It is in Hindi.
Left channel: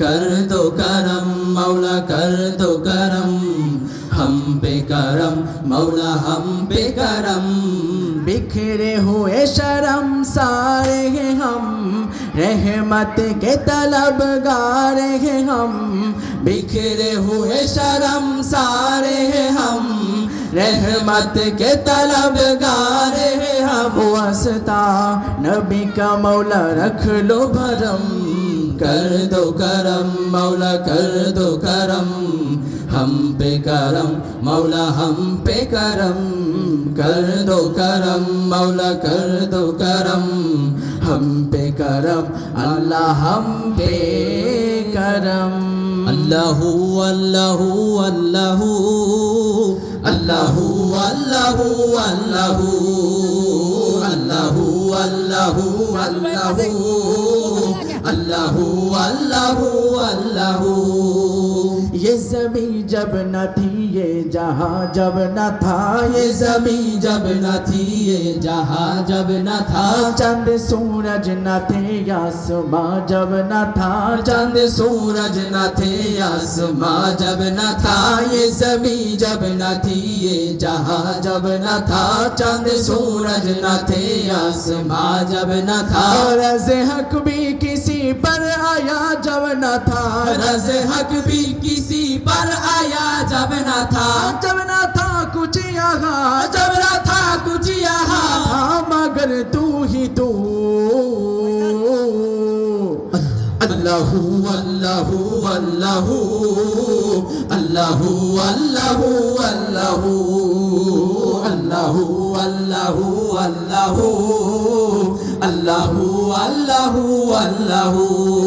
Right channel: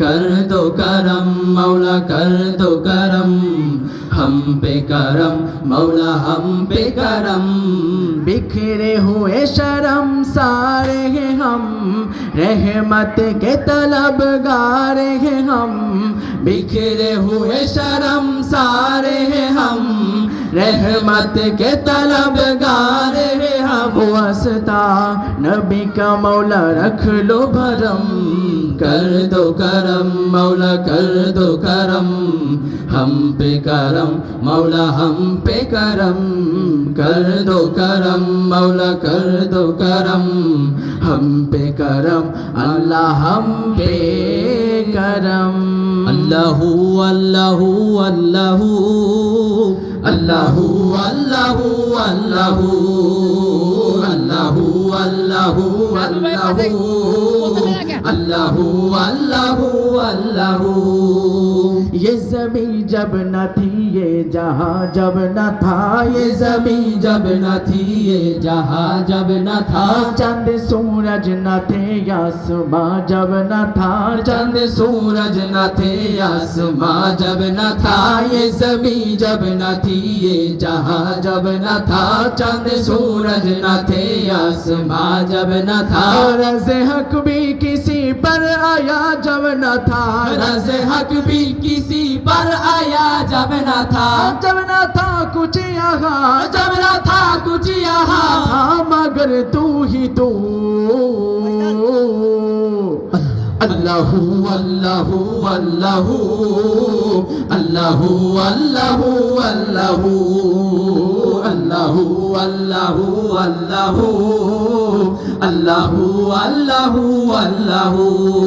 कर दो करम मौला कर दो करम हम पे करम मौला हम पे करम बिखरे हुए शरम सारे हैं हम रहमत के तलब गारे हैं हम बिखरे हुए शरम सारे हैं हम रहमत के तलब गारे हैं हम वस्ता नबी का मौला रख लो भरम कर दो करम मौला कर दो करम हम पे करम मौला हम पे करम कर दो करम मौला कर दो करम हम पे करम अल्लाह हम पे करम अल्लाह अल्लाह अल्लाह अल्लाह अल्लाह अल्लाह अल्लाह अल्लाह अल्लाह अल्लाह अल्लाह अल्लाह ये जमी जब न थी ये जहाँ जब न था ये जमी जब न थी ये जहाँ जब न था चंद सूरज न थे आसमां जब न था चंद सूरज न थे आसमां जब न था ये जमी जब न थी ये जहाँ जब न था चंद सूरज न थे आसमां जब न था रज हक भी ना था रज़े हक भी किसी पर आया जब था जब था कुछ यहाँ जब था कुछ यहाँ मगर तू ही तू अल्लाह अल्लाह अल्लाह अल्लाह अल्लाह अल्लाह अल्लाह अल्लाह अल्लाह अल्लाह अल्लाह अल्लाह